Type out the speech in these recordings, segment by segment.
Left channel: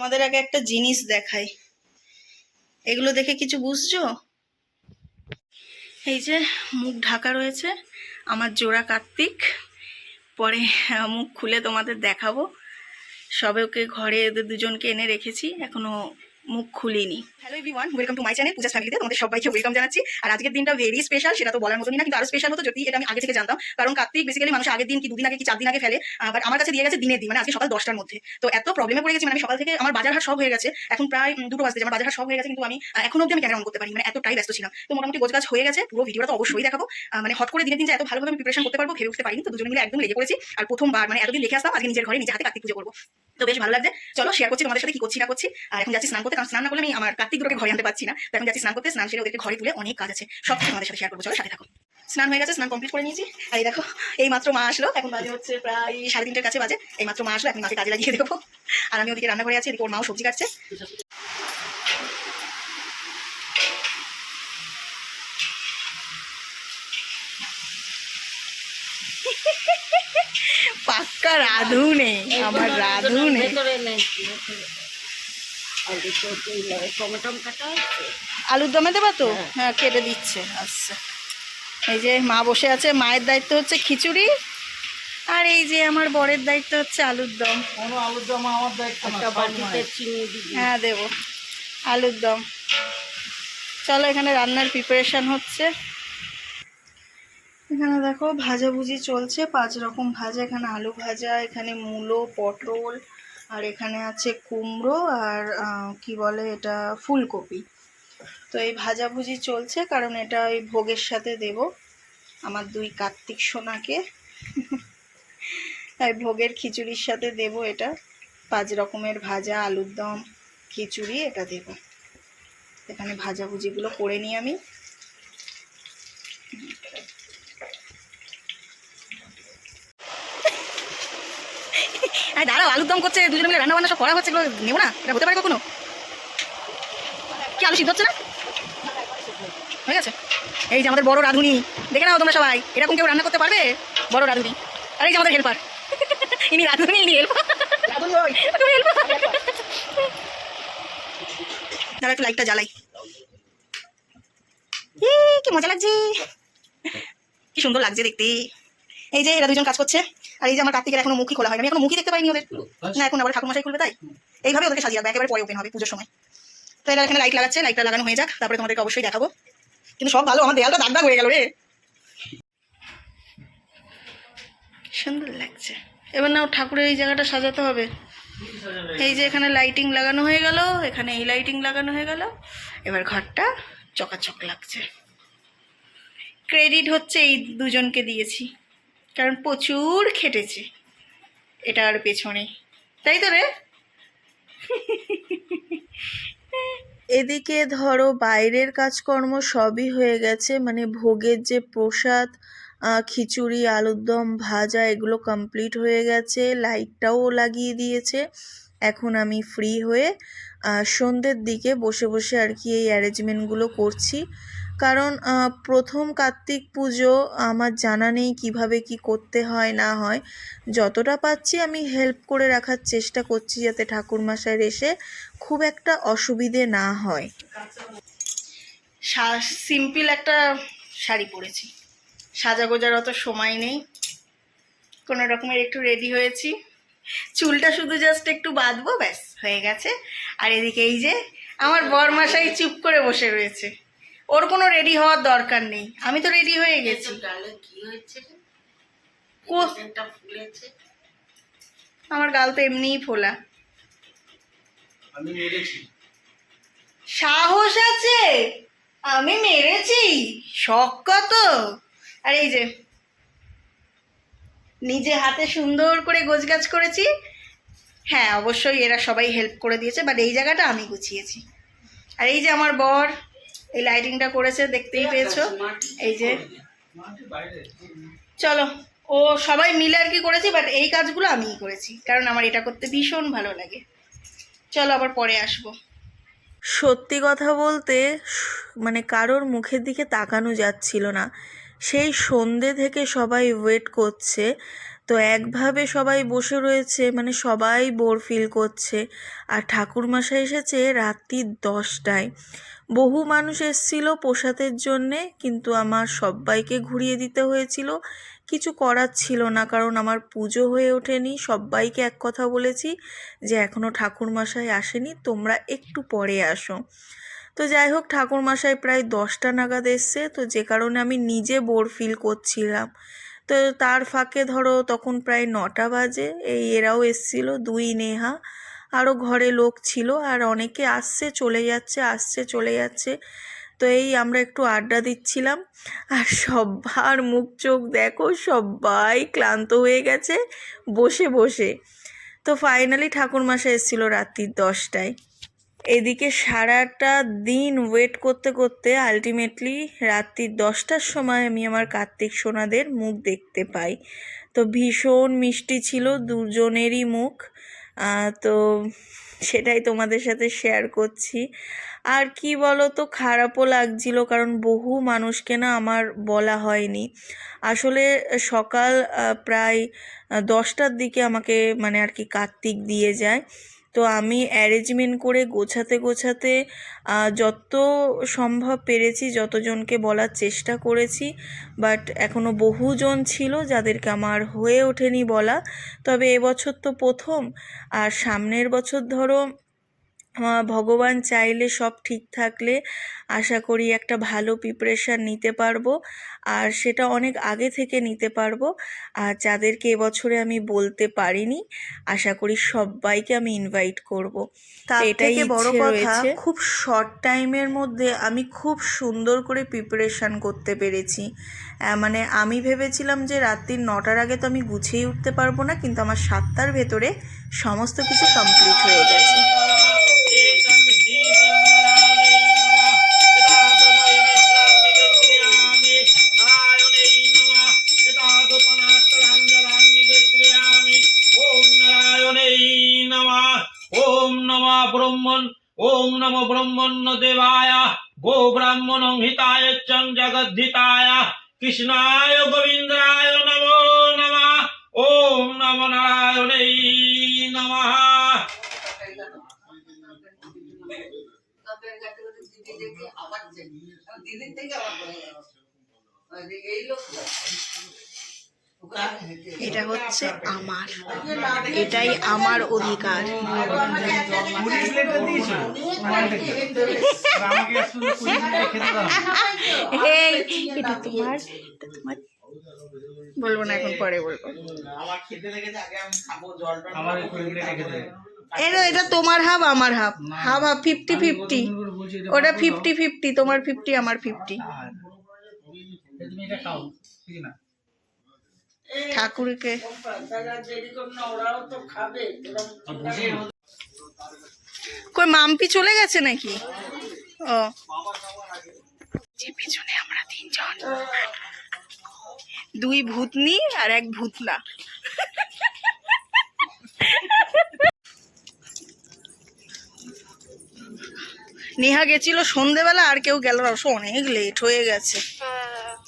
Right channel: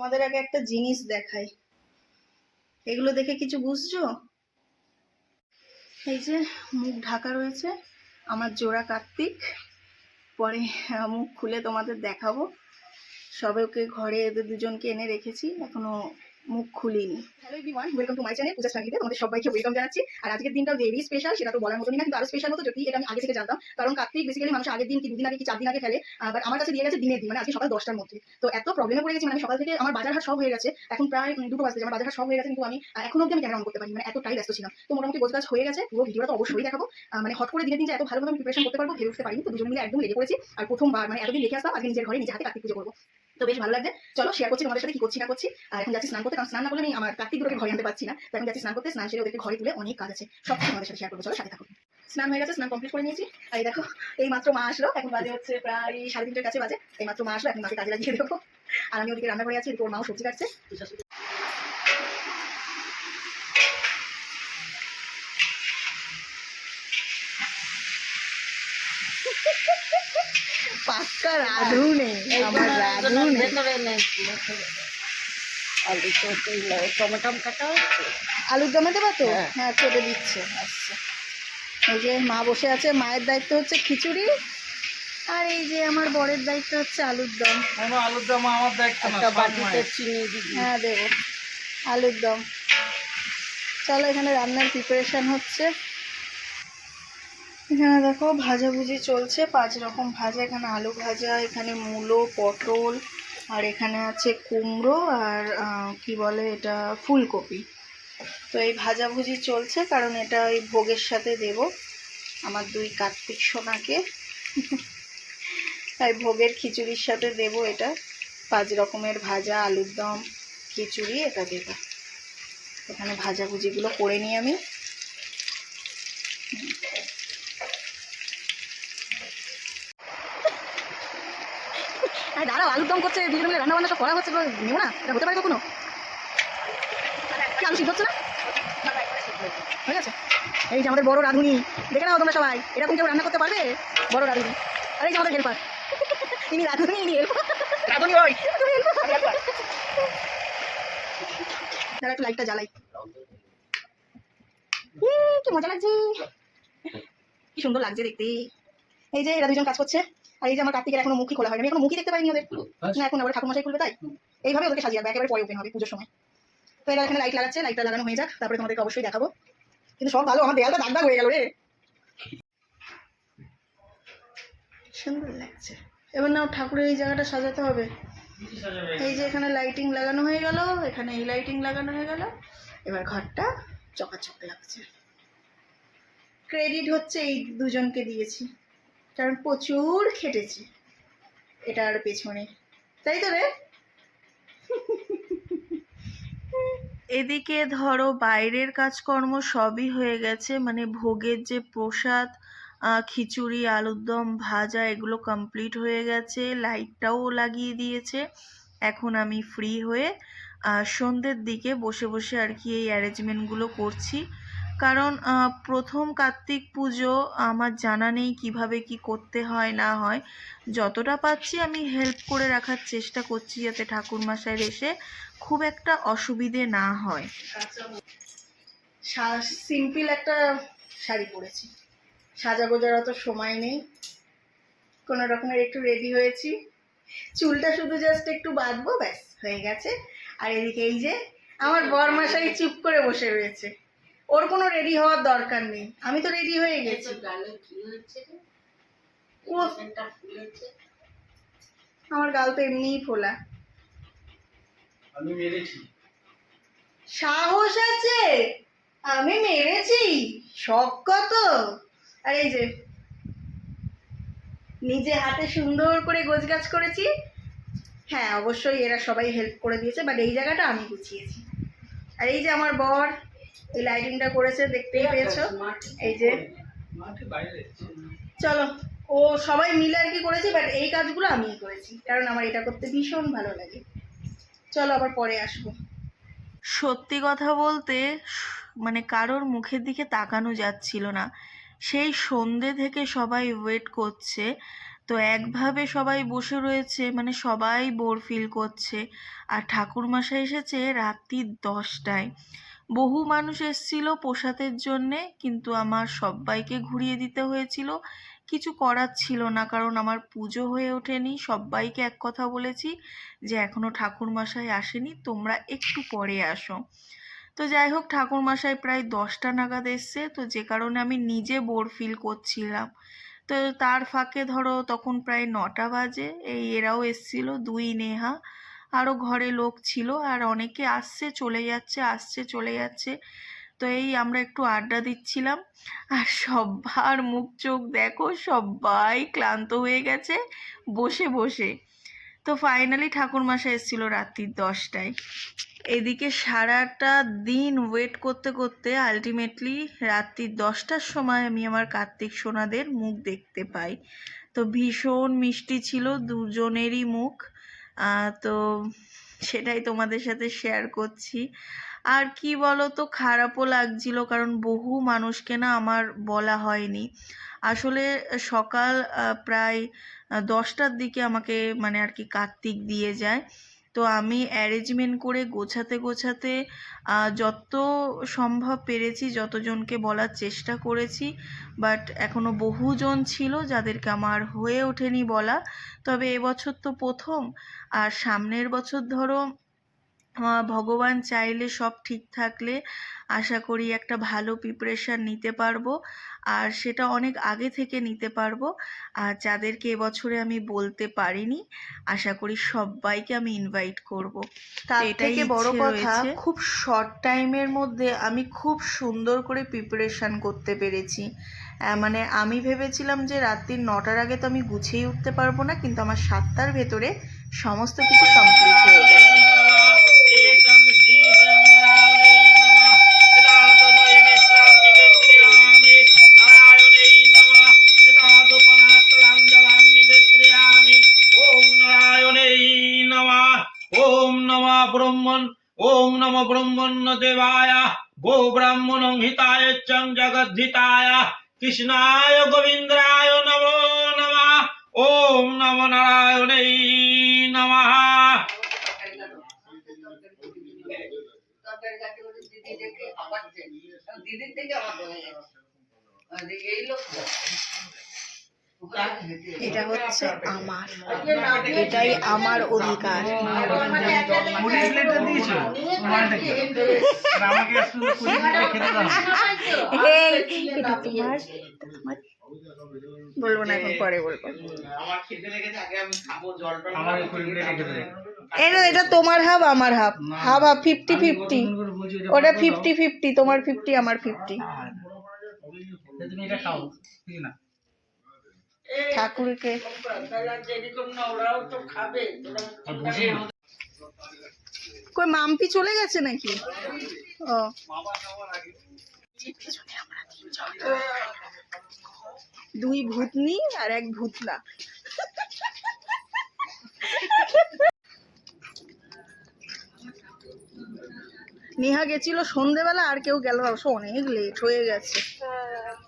তোমাদের আগে একটা জিনিস দেখাই, এগুলো দেখে কিছু বুঝছো? এই যে মুখ ঢাকা রয়েছে আমার জোড়া কার্তিক, পরে মুখ খুলে তোমাদের দেখাবো। সবে ওকে ঘরে এদের দুজনকে এনে রেখেছি, এখনো মুখ খুলিনি। Hello everyone, welcome to my channel Puja ফ্যামিলিতে তোমাদের সবাইকে ওয়েলকাম জানাচ্ছি। আর আজকের দিনটা ভেরি স্পেশাল, সেটা তো বলার মতনই না, কিন্তু আরো স্পেশাল হতো যদি এটা আমি আগে থেকে জানতাম। কারণ কার্তিক বেসিক্যালি মানুষ আগের দিন কি দুদিন আগে কি 4 দিন আগে ফেলে, বাট আমার কাছে দিয়ে গেছে দিনের দিন, মানে আজকে সকাল 10টার মধ্যে। তো এত প্রবলেমে পড়ে গেছি, মানে আমি সকাল থেকে আমার বাজার হাট সব হয়ে গেছে, এখন প্রায় 2টো বাজতে আমার বাজার হাট সব হয়ে গেছে, কিন্তু আমি এখনো অব্দি আমি ক্যামেরা অন করতে পারি, মানে এতটাই ব্যস্ত ছিলাম। তো মোটামুটি গোছগাছ হয়ে গেছে, পুরো ভিডিওটা তো অবশ্যই দেখাবো। মানে হট করে দিনের দিন যে এত ভালোভাবে আমি প্রিপারেশন করতে পারবো ভেবে উঠতে পারিনি, তো দুজন মিলে একদম লেগে পড়েছি। আর প্রথমবার মানে এতদিন দেখে আসতাম, আজকে নিজের ঘরে নিজে হাতে কার্তিক পুজো করবো, তো বেশ ভালো লাগছে। চলো শেয়ার করছি তোমাদের সাথে কি করছি না করছি। আর এখন যাচ্ছি স্নান করতে, কারণ স্নান না করলে আমি আমার কার্তিক দুটোকে ঘরে আনতে পারছি না। তো এখন যাচ্ছি স্নান করতে, স্নান সেরে ওদেরকে ঘরে তুলে অনেক কাজ আছে, সব কিছু তোমাদের সাথে শেয়ার করবো। চলো সাথে থাকো। স্নান হয়ে গেছে, স্নান কমপ্লিট করে নিয়েছি। আর এই দেখো, এই মাত্র মা আসলো, এখন বাজে হচ্ছে প্রায় 3:30 কাছে বাজে। এই মাত্র মা আসলো, এখন মাকে কাজে লাগিয়ে দেবো। আর আমি ওদিকে রান্নাঘরে আছি, এদিকে ওর মাও সবজি কাটছে। পাক্কা রাঁধুনে, আমার রাঁধুনে। আলুর দমে দেবা তো? হ্যাঁ কেটে দিচ্ছে। আচ্ছা, এই যে মা বসে আছে, মায়ের দায়িত্ব হচ্ছে খিচুড়ি, আর এই যে আমার বরের দায়িত্ব হচ্ছে আলুর দম। আলুর দম আমার দায়িত্ব না। হ্যাঁ দেবো আলুর দম। চলো এখানে রান্নার প্রিপারেশন হচ্ছে। এখানে দেখো ভাজাভুজি চলছে, 5 রকম ভাজা। এখানে আলু ভাজা, এখানে মূলো, পটল, আর এখানে আছে কুমড়ো, আর কি বলে এটা, ফুলকপি। তো এই ভাজাভুজি চলছে, কারণ এটা ওই ভোগের সাথে দেব আমার 2 কার্তিক সোনাকে। তাই ভোগের খিচুড়ির সাথে দেব এটা। 5 রকমের ভাজা, আলুর দম, খিচুড়ি, এটা দেব। এখানে ভাজাভুজিগুলো করে নিই আমি। দাঁড়াও, আলুর দম করছে, দুজনে মিলে রান্না বান্না সব করা হচ্ছে, এগুলো নেবো না? এটা হতে পারে কখনো? কি আলু সিদ্ধ হচ্ছে না? হয়ে গেছে। এই যে আমাদের বড় রাঁধুনি, দেখে নাও তোমরা সবাই, এরকম কেউ রান্না করতে পারবে? বড় রাঁধুনি। আর এই যে আমাদের হেল্পার, ইনি রাঁধুনি, ইনি হেল্পার। দাঁড়া একটু লাইটটা জ্বালাই। কি মজা লাগছে, কি সুন্দর লাগছে দেখতে। এই যে এরা দুজন কাজ করছে, আর এই যে আমার কার্তিকের এখনো মুখই খোলা হয়নি, আমি এখনো মুখই দেখতে পাইনি ওদের। না, এখন আবার ঠাকুরমশাই খুলবে, তাই এইভাবে ওদেরকে সাজিয়ে রাখবে, একেবারে পরে ওপেন হবে পুজোর সময়। তো এরা এখানে লাইট লাগাচ্ছে, লাইটটা লাগানো হয়ে যাক, তারপরে তোমাদেরকে অবশ্যই দেখাবো। কিন্তু সব ভালো, আমার দেয়ালটা দাগ দাগ হয়ে গেল রে। সুন্দর লাগছে। এবার না ঠাকুরের এই জায়গাটা সাজাতে হবে। এই যে এখানে লাইটিং লাগানো হয়ে গেল, এখানে এই লাইটিং লাগানো হয়ে গেল, এবার ঘরটা চকাচক লাগছে। ক্রেডিট হচ্ছে এই দুজনকে দিয়েছি, কারণ প্রচুর খেটেছে এটার পেছনে, তাই তো রে? এদিকে ধরো বাইরের কাজকর্ম সবই হয়ে গেছে, মানে ভোগের যে প্রসাদ, খিচুড়ি, আলুর দম, ভাজা, এগুলো কমপ্লিট হয়ে গেছে, লাইটটাও লাগিয়ে দিয়েছে। এখন আমি ফ্রি হয়ে সন্ধ্যের দিকে বসে বসে আর কি এই অ্যারেঞ্জমেন্টগুলো করছি। কারণ প্রথম কার্তিক পুজো, আমার জানা নেই কিভাবে কি করতে হয় না হয়। যতটা পাচ্ছি আমি হেল্প করে রাখার চেষ্টা করছি, যাতে ঠাকুরমশাইয়ের এসে খুব একটা অসুবিধে না হয়। সিম্পল একটা শাড়ি পরেছি, সাজা গোজার অত সময় নেই, কোনো রকমের একটু রেডি হয়েছি, চুলটা শুধু জাস্ট একটু বাঁধবো, ব্যাস হয়ে গেছে। আর এদিকে এই যে আমার বরমশাই চুপ করে বসে রয়েছে, ওর কোনো রেডি হওয়ার দরকার নেই, আমি তো রেডি হয়ে গেছি। আমার গাল তো এমনিই ফোলা। আমি মেরেছি, সাহস আছে? আমি মেরেছি? শখ কত! আর এই যে নিজে হাতে সুন্দর করে গোছগাছ করেছি। হ্যাঁ অবশ্যই এরা সবাই হেল্প করে দিয়েছে, বাট এই জায়গাটা আমি গুছিয়েছি। আর এই যে আমার বর এই লাইটিংটা করেছে, দেখতেই পেয়েছো। এই যে চলো, ও সবাই মিলে আর কি করেছি, বাট এই কাজগুলো আমিই করেছি, কারণ আমার এটা করতে ভীষণ ভালো লাগে। চলো আবার পরে আসবো। সত্যি কথা বলতে মানে কারোর মুখের দিকে তাকানো যাচ্ছিল না, সেই সন্ধে থেকে সবাই ওয়েট করছে। তো একভাবে সবাই বসে রয়েছে, মানে সবাই বোর ফিল করছে। আর ঠাকুরমশাই এসেছে রাত্রি 10টায়। বহু মানুষ এসেছিল প্রসাদের জন্যে, কিন্তু আমার সবাইকে ঘুরিয়ে দিতে হয়েছিল। কিছু করার ছিল না, কারণ আমার পুজো হয়ে ওঠেনি। সবাইকে এক কথা বলেছি যে এখনও ঠাকুরমশাই আসেনি, তোমরা একটু পরে আসো। তো যাই হোক, ঠাকুরমশাই প্রায় 10টা নাগাদ এসছে, তো যে কারণে আমি নিজে বোর ফিল করছিলাম। তো তার ফাঁকে ধরো তখন প্রায় 9টা বাজে, এরাও এসছিল, দুই নেহা, আরও ঘরে লোক ছিল, আর অনেকে আসছে চলে যাচ্ছে, আসছে চলে যাচ্ছে। তো আমরা একটু আড্ডা দিচ্ছিলাম, আর সবার মুখ চোখ দেখো, সবাই ক্লান্ত হয়ে গেছে বসে বসে। তো ফাইনালি ঠাকুরমশাই এসেছিলো রাত্রি 10টায়। এদিকে সারাটা দিন ওয়েট করতে করতে আলটিমেটলি রাত্রি 10টার সময় আমি আমার কার্তিক সোনাদের মুখ দেখতে পাই। তো ভীষণ মিষ্টি ছিল দুজনেরই মুখ। তো সেটাই তোমাদের সাথে শেয়ার করছি। আর কি বলো তো, খারাপও লাগছিল, কারণ বহু মানুষকে না আমার বলা হয়নি। আসলে সকাল প্রায় 10টার দিকে আমাকে মানে আর কি কার্তিক দিয়ে যায়। তো আমি অ্যারেঞ্জমেন্ট করে গোছাতে গোছাতে যত সম্ভব পেরেছি, যতজনকে বলার চেষ্টা করেছি, বাট এখনও বহুজন ছিল যাদেরকে আমার হয়ে ওঠেনি বলা। তবে এবছর তো প্রথম, আর সামনের বছর ধরো ভগবান চাইলে সব ঠিক থাকলে আশা করি একটা ভালো প্রিপারেশান নিতে পারবো, আর সেটা অনেক আগে থেকে নিতে পারবো। আর যাদেরকে এবছরে আমি বলতে পারিনি, আশা করি সবাইকে আমি ইনভাইট করব। তার থেকে বড় কথা, খুব শর্ট টাইমের মধ্যে আমি খুব সুন্দর করে প্রিপারেশান করতে পেরেছি। মানে আমি ভেবেছিলাম যে রাত্রি 9টার আগে তো আমি গুছিয়ে উঠতে পারবো না, কিন্তু আমার 7টার ভেতরে সমস্ত কিছু কমপ্লিট হয়ে গেছে। ओम नमो ब्रह्मण्य देवाय गो ब्राह्मण हिताय चं जगद्धिताय कृष्णाय गोविंदाय नमो नमः ओम नमो नारायणे नमः। এটা হচ্ছে আমার, এটাই আমার অধিকার। এটা তোমার, বলবো না এখন, পরে বলবো। এটা তোমার হাফ আমার হাফ, হাফ হাফ, 50-50। ওটা 50-50, তোমার 50 আমার 50। ঠাকুরকে কই মাম্পি চলে গেছে নাকি? ও পিছনে আমরা 3জন, 2 ভূতনি আর 1 ভূতনা। নেহা গেছিল সন্ধেবেলা, আর কেউ গেল না, অনেক লেট হয়ে গেছে,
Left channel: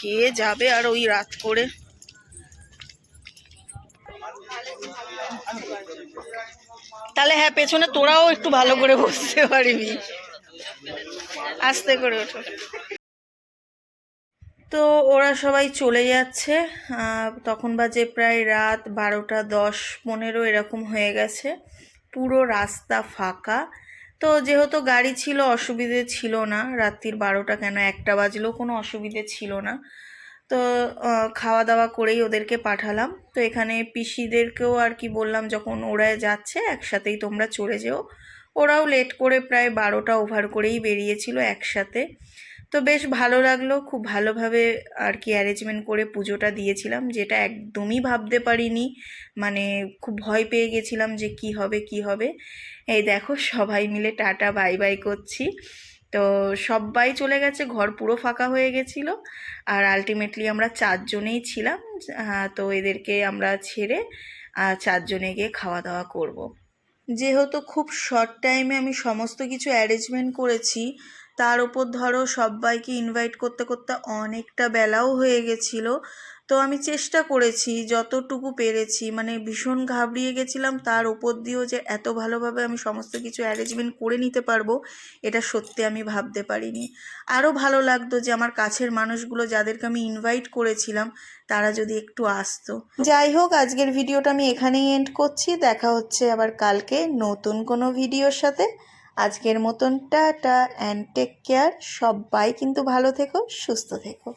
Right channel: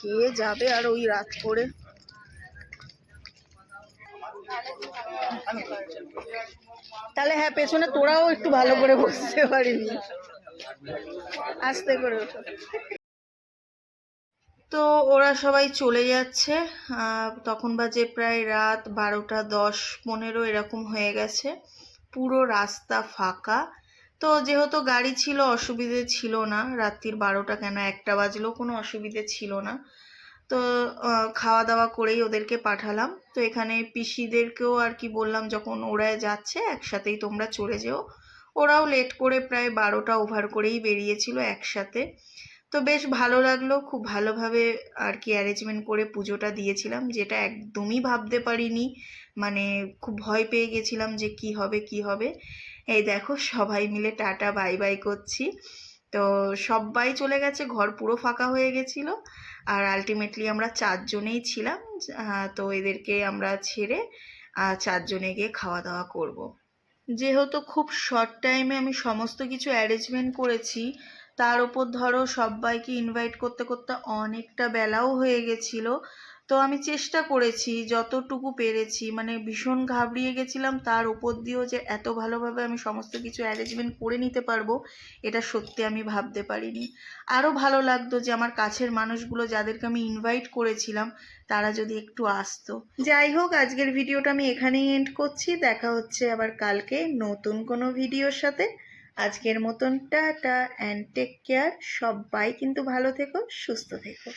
কে যাবে আর ওই রাত করে। তাহলে হ্যাঁ, পেছনে তোরাও একটু ভালো করে বসতে পারবি, আস্তে করে ওঠো। তো ওরা সবাই চলে যাচ্ছে, তখন বাজে প্রায় রাত 12টা 10-15 এরকম হয়ে গেছে। পুরো রাস্তা ফাঁকা। তো যেহেতু গাড়ি ছিল, অসুবিধে ছিল না, রাত্রির 12টা কেন 1টা বাজলেও কোনো অসুবিধে ছিল না। তো খাওয়া দাওয়া করেই ওদেরকে পাঠালাম। তো এখানে পিসিদেরকেও আর কি বললাম, যখন ওরা যাচ্ছে একসাথেই তোমরা চলে যেও। ওরাও লেট করে প্রায় 12টা ওভার করেই বেরিয়েছিল একসাথে। তো বেশ ভালো লাগলো, খুব ভালোভাবে আর কি অ্যারেঞ্জমেন্ট করে পুজোটা দিয়েছিলাম, যেটা একদমই ভাবতে পারিনি। মানে খুব ভয় পেয়ে গেছিলাম যে কি হবে কি হবে। এই দেখো সবাই মিলে টাটা বাই বাই করছি। তো সবাই চলে গেছে, ঘর পুরো ফাঁকা হয়ে গেছিলো, আর আলটিমেটলি আমরা 4জনেই ছিলাম। তো এদেরকে আমরা ছেড়ে 4জনে গিয়ে খাওয়া দাওয়া করব। যেহেতু খুব শর্ট টাইমে আমি সমস্ত কিছু অ্যারেঞ্জমেন্ট করেছি, তার ওপর ধরো সবাইকে ইনভাইট করতে করতে অনেকটা বেলাও হয়ে গেছিলো। তো আমি চেষ্টা করেছি যতটুকু পেরেছি, মানে ভীষণ ঘাবড়িয়ে গেছিলাম, তার ওপর দিয়েও যে এত ভালোভাবে আমি সমস্ত কিছু অ্যারেঞ্জমেন্ট করে নিতে পারবো এটা সত্যি আমি ভাবতে পারিনি। আরও ভালো লাগতো যে আমার কাছের মানুষগুলো যাদেরকে আমি ইনভাইট করেছিলাম তারা যদি একটু আসতো। যাই হোক, আজকের ভিডিওটা আমি এখানেই এন্ড করছি। দেখা হচ্ছে আবার কালকে নতুন কোনো ভিডিওর সাথে। আজকের মতন টাটা অ্যান্ড টেক কেয়ার। সবাই কিন্তু ভালো থেকো, সুস্থ থেকো।